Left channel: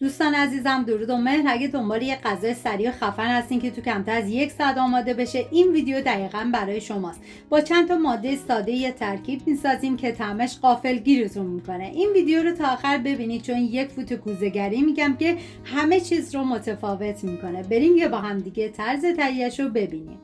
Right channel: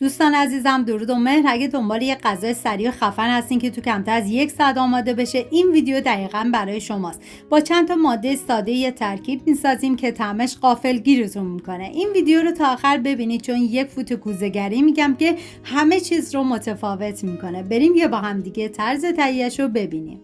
دوستان عزیزم، درود و مهر. اگه دنبال یه غذای سریع و خفن هستین که تو کمتر از 1 ساعت آماده بشه، این ویدیو دقیقاً برای شماست. با چند تا ماده ساده یه ترکیب میسازیم که طعمش غافلگیرتون میکنه. این ویدیو رو تا آخر ببینید چون یک فوت کوزه‌گری میگم که همه چیز رو متفاوت میکنه. بریم یه با هم دیگه طرز تهیه‌اش رو ببینیم.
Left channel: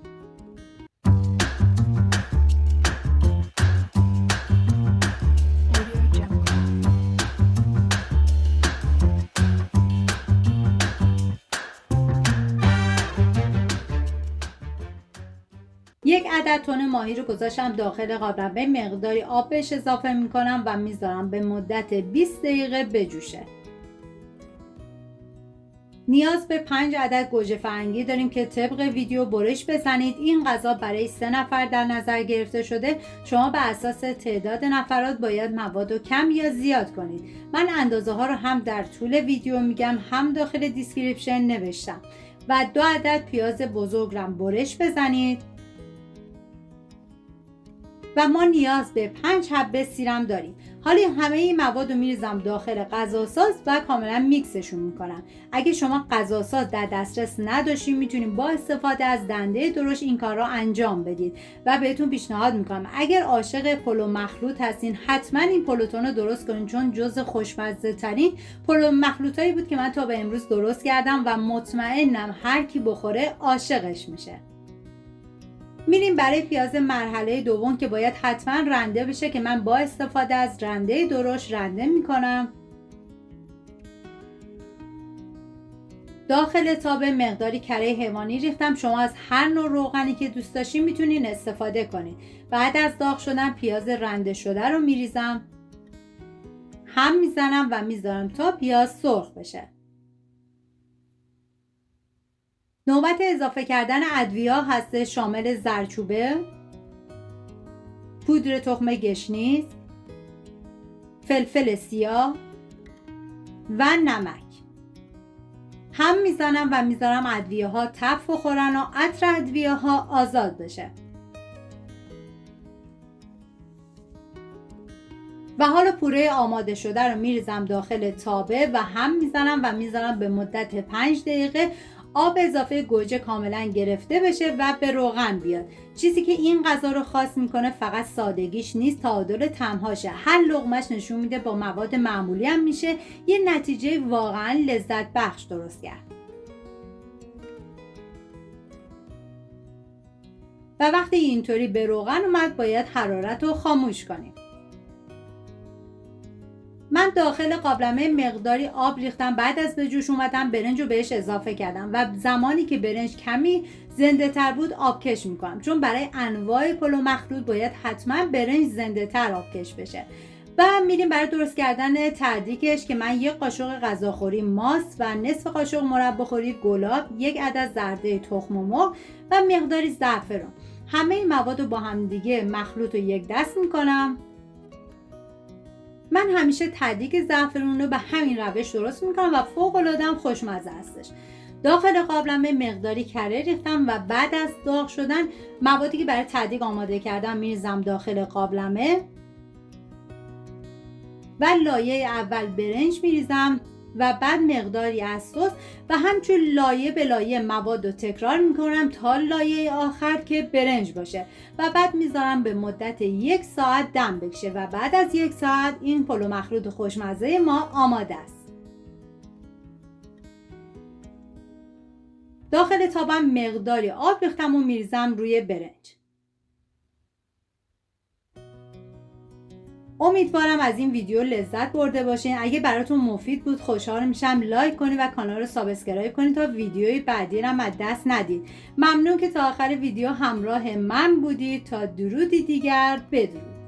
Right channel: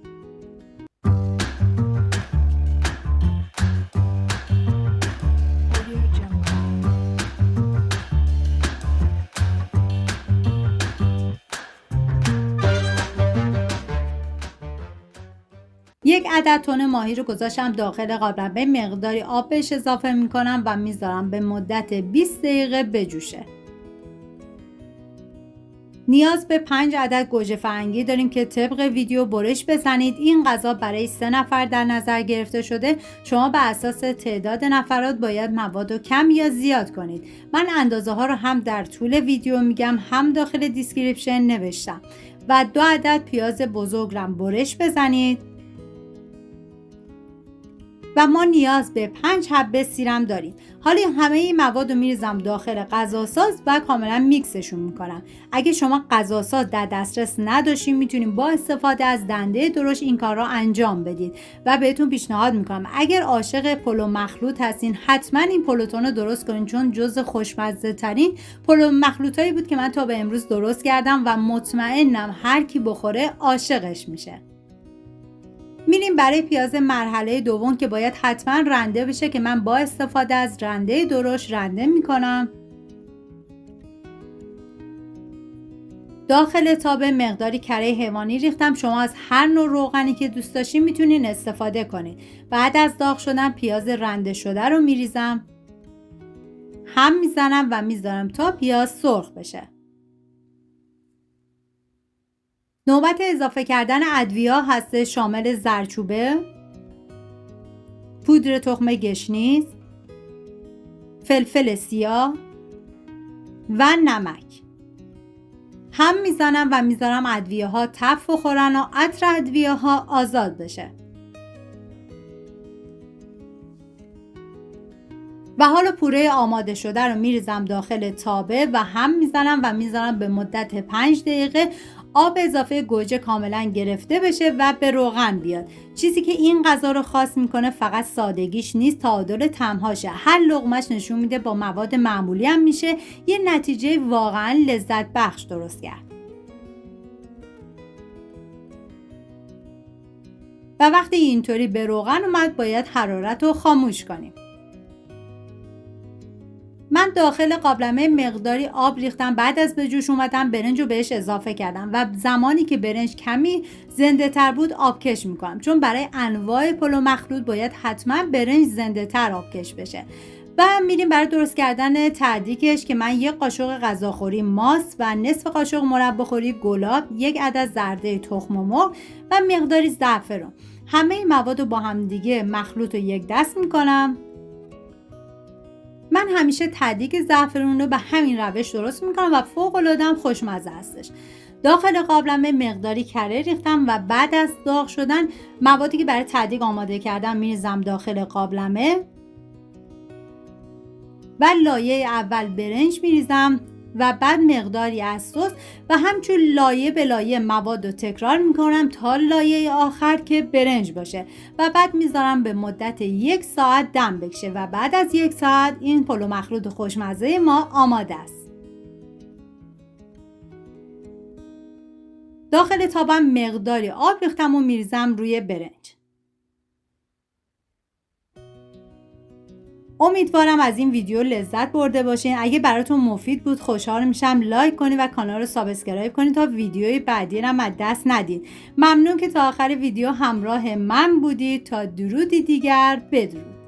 یک عدد تن ماهی رو گذاشتم داخل قالب. به مقداری آب بهش اضافه میکنم و میذارم به مدت 20 دقیقه بجوشه. نیاز به 5 عدد گوجه فرنگی داریم که طبق ویدیو برش بزنید. این غذا برای 3 نفر در نظر گرفته شده. شما به اساس تعداد نفرات باید مواد رو کم یا زیاد کنید. من اندازه ها رو هم در طول ویدیو میگم هم داخل دیسکریپشن نوشتم. و 2 عدد پیاز بزرگ رو برش بزنید. و ما نیاز به 5 حبه سیرم داریم. حالا همه این مواد رو میریزم داخل غذاساز و کاملا میکسشون میکنم. اگه شما غذاساز در دسترس نداشتین میتونید با استفاده از دنده درشت این کار رو انجام بدید و بهتون پیشنهاد میکنم اگر عاشق پلو مخلوط هستین حتما این پلوتون رو درست کنین، چون جز خوشمزه ترین پلو مخلوطایی بود که من تا به امروز درست کردم و مطمئنم هر کی بخوره عاشقش میشه. میریم برای پیاز مرحله دوم که باید حتما رنده بشه که من با استفاده از رنده درشت رنده میکنم. داخل تاب مقداری کره حیوانی ریختم. شما از هر نوع روغنی که دوست داشتین میتونین استفاده کنین. بعد از داغ شدن پیاز رنده شده رو میریزم، هم میزنم و میذارم تا پیاز سرخ بشه. نوبت اضافه کردن ادویه هست، شامل زردچوبه، پودر تخم گشنیز، فلفل سیاه و نمک. هم میزنم و میذارم ادویه ها تف بخورن و عطر ادویه ها آزاد بشه. و حالا پوره آماده شده رو میریزم داخل تابه و هم میزنم و میذارم به مدت 5 دقیقه آب اضافه گوجه کاملا گرفته بشه و به روغن بیاد. چیزی که این غذا رو خاص میکنه فقط سادگیش نیست، تعادل طعم‌هاشه. هر لقمه‌اش نشون میده با مواد معمولی هم میشه یه نتیجه واقعا لذت بخش درست کرد. و وقتی اینطوری به روغن اومد باید حرارت رو خاموش کنیم. من داخل قابلمه مقداری آب ریختم. بعد از به جوش اومدن برنج رو بهش اضافه کردم و زمانی که برنج کمی زنده تر بود آبکش میکنم، چون برای انواع پلو مخلوط باید حتما برنج زنده تر آبکش بشه. و میریم برای درست کردن تدریکش که من 1 قاشق غذاخوری ماست و نصف قاشق مرباخوری گلاب، 1 عدد زرده تخم مرغ و مقداری زعفران. همه این مواد رو با هم دیگه مخلوط رو یک دست میکنم. من همیشه تدریک زعفرون رو به همین روش درست میکنم و فوق العاده هم خوشمزه هستش. داخل قابلمه مقداری کره ریختم و بعد از داغ شدن موادی که برای تدریک آماده کردم میریزم داخل قابلمه و لایه اول برنج میریزم و بعد مقداری از سس و همچون لایه به لایه مواد رو تکرار میکنم تا لایه آخر که برنج باشه و بعد میذارم به مدت 1 ساعت دم بکشه و بعد از 1 ساعت این پلو مخلوط خوشمزه ما آماده است. داخل تابم مقداری آب ریختم و میریزم روی برنج. امیدوارم از این ویدیو لذت برده باشین. اگه براتون مفید بود خوشحال میشم لایک کنید و کانال رو سابسکرایب کنید تا ویدیوی بعدی رو از دست ندید. ممنون که تا آخر ویدیو همراه من بودید. تا درودی دیگر، بدرود.